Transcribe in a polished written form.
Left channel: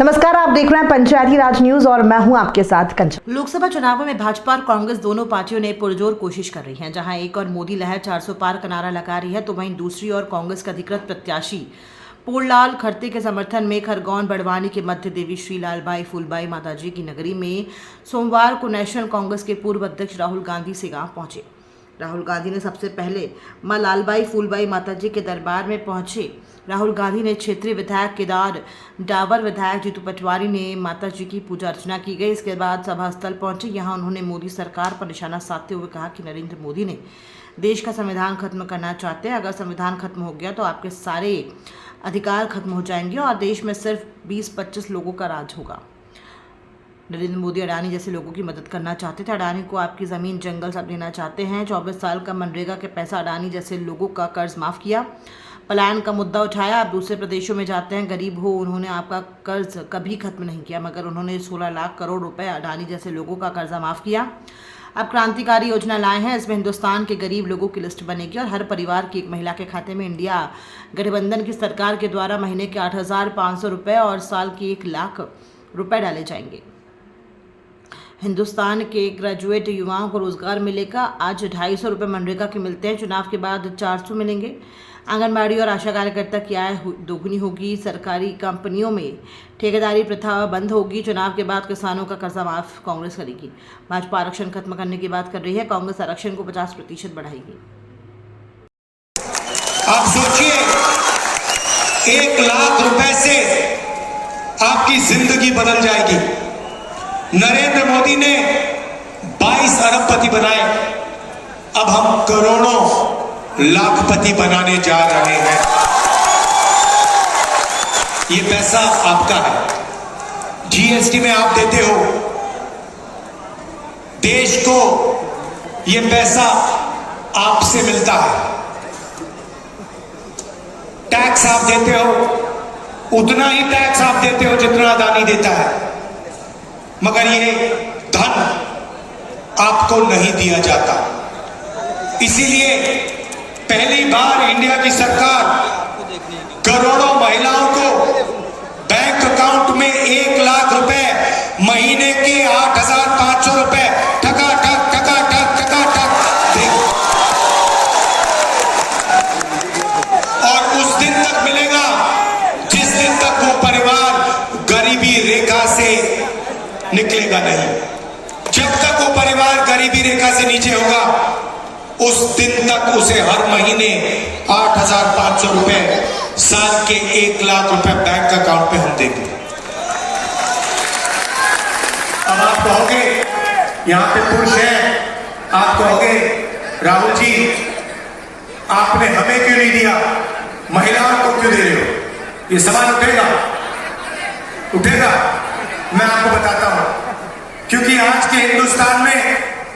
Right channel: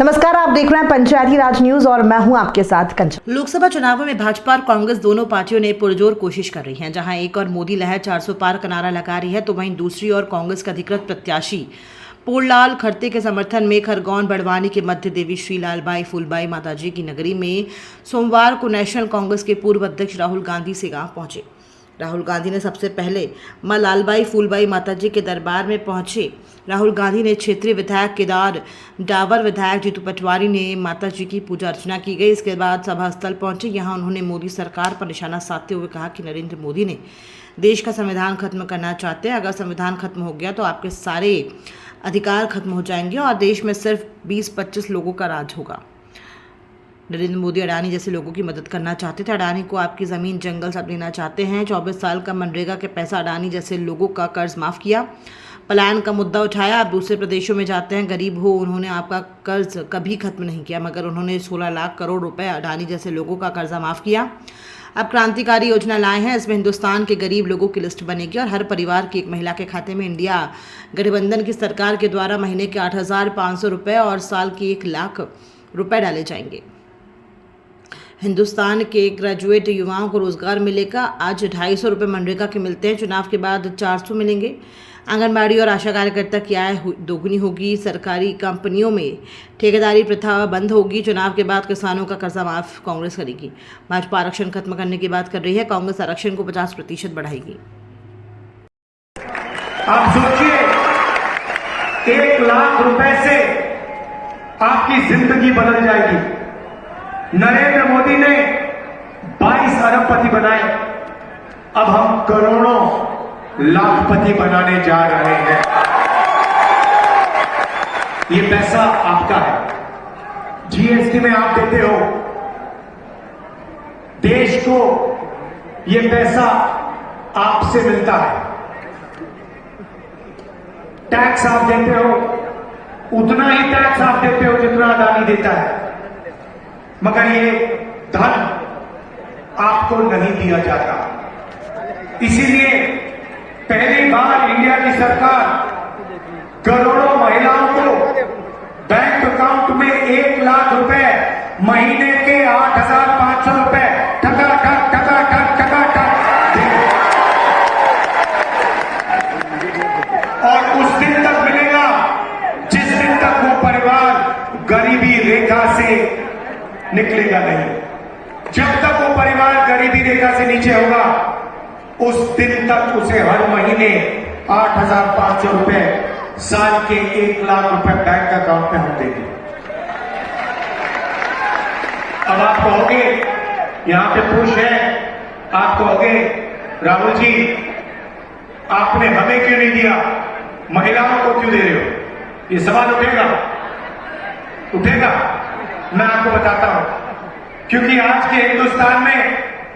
नमस्कार, आप देख रहे हैं पंचायती राज न्यूज और मैं हूं आपके साथ कंचन। लोकसभा चुनावों में भाजपा और कांग्रेस दोनों पार्टियों ने पुरजोर कोशिश कर रही हैं। जहां एक और मोदी लहर 400 पार का नारा लगा रही है, तो वहीं दूसरी ओर कांग्रेस के अधिकृत प्रत्याशी पूर्णलाल खड़से के समर्थन में खरगोन बड़वानी के मध्य देवी श्री लालबाई फूलबाई माताजी की नगरी में सोमवार को नेशनल कांग्रेस के पूर्व अध्यक्ष राहुल गांधी से गांव पहुंचे। राहुल गांधी ने सबसे पहले मां लालबाई फूलबाई माताजी के दरबार में पहुंचे। राहुल गांधी ने क्षेत्रीय विधायक केदार डावर, विधायक जीतू पटवारी ने माता जी की पूजा अर्चना की गई। इसके बाद सभा स्थल पहुंचे। यहां उन्होंने मोदी सरकार पर निशाना साधते हुए कहा कि नरेंद्र मोदी ने देश का संविधान खत्म करना चाहते हैं। अगर संविधान खत्म हो गया तो आपके सारे अधिकार खत्म हो जाएंगे और देश में सिर्फ 20-25 लोगों का राज होगा। नरेंद्र मोदी अडानी जैसे लोगों की मदद करना चाहते थे। अडानी को आपकी ज़मीन जंगल सब लेना चाहते हैं। 24 साल का मनरेगा के पैसा अडानी जैसे लोगों का कर्ज माफ़ किया। पलायन का मुद्दा उठाया। आप दूसरे प्रदेशों में जाते हैं, गरीब हो, उन्होंने आपका कर्ज कभी खत्म नहीं किया, मगर उन्होंने 16 लाख करोड़ रुपए अडानी जैसे लोगों का कर्जा माफ़ किया। अब क्रांतिकारी योजना लाए हैं। इसमें हिंदुस्तान के गरीब लोगों की लिस्ट बनेगी और हर परिवार की एक महिला के खाते में इंडिया गठबंधन की सरकार के द्वारा महीने के 8,500 रुपये और साल के 1 लाख रुपए डाले जाएंगे। हिंदुस्तान के ग्रेजुएट युवाओं को रोजगार मिलेगा। आज 250 रुपये मनरेगा के मिलते हैं, चुनाव के बाद 400 मिलेंगे। आंगनबाड़ी और आशा कार्यकर्ता की आय दोगुनी होगी। सरकारी कंपनियों में ठेकेदारी प्रथा बंद होगी। चुनाव के बाद किसानों का कर्जा माफ कांग्रेस करेगी। भाजपा आरक्षण खत्म करने की बात कर रही है, कांग्रेस आरक्षण को 50% बढ़ाएगी। आप सोचिए, 1 लाख रुपए से आपकी जिंदगी बदल जाएगी। नरेंद्र मोदी ने 22 अरबपति बनाए, अब हम करोड़ों लाखपति बनाने जा रहे हैं। ये पैसा आपका है, जीएसटी में आप देते हो देश को, ये पैसा आपसे मिलता है। टैक्स आप देते हो, उतना ही टैक्स आप देते हो जितना अडानी देता है, मगर ये धन आपको नहीं दिया जाता। इसीलिए पहली बार इंडिया की सरकार करोड़ों महिलाओं को बैंक अकाउंट में 1 लाख रुपए, महीने के 8,500 रुपए टका टक देगी। और उस दिन तक मिलेगा जिस दिन तक वो परिवार गरीबी रेखा से निकलेगा नहीं। जब तक वो परिवार गरीबी रेखा से नीचे होगा, उस दिन तक उसे हर महीने 8,500 रुपए, साल के 1 लाख रुपए बैंक अकाउंट में हम देंगे। अब आप कहोगे, यहां पे पुरुष हैं, आप कहोगे राहुल जी आपने हमें क्यों नहीं दिया, महिलाओं को क्यों दे रहे हो? ये सवाल उठेगा। मैं आपको बताता हूं, क्योंकि आज के हिंदुस्तान में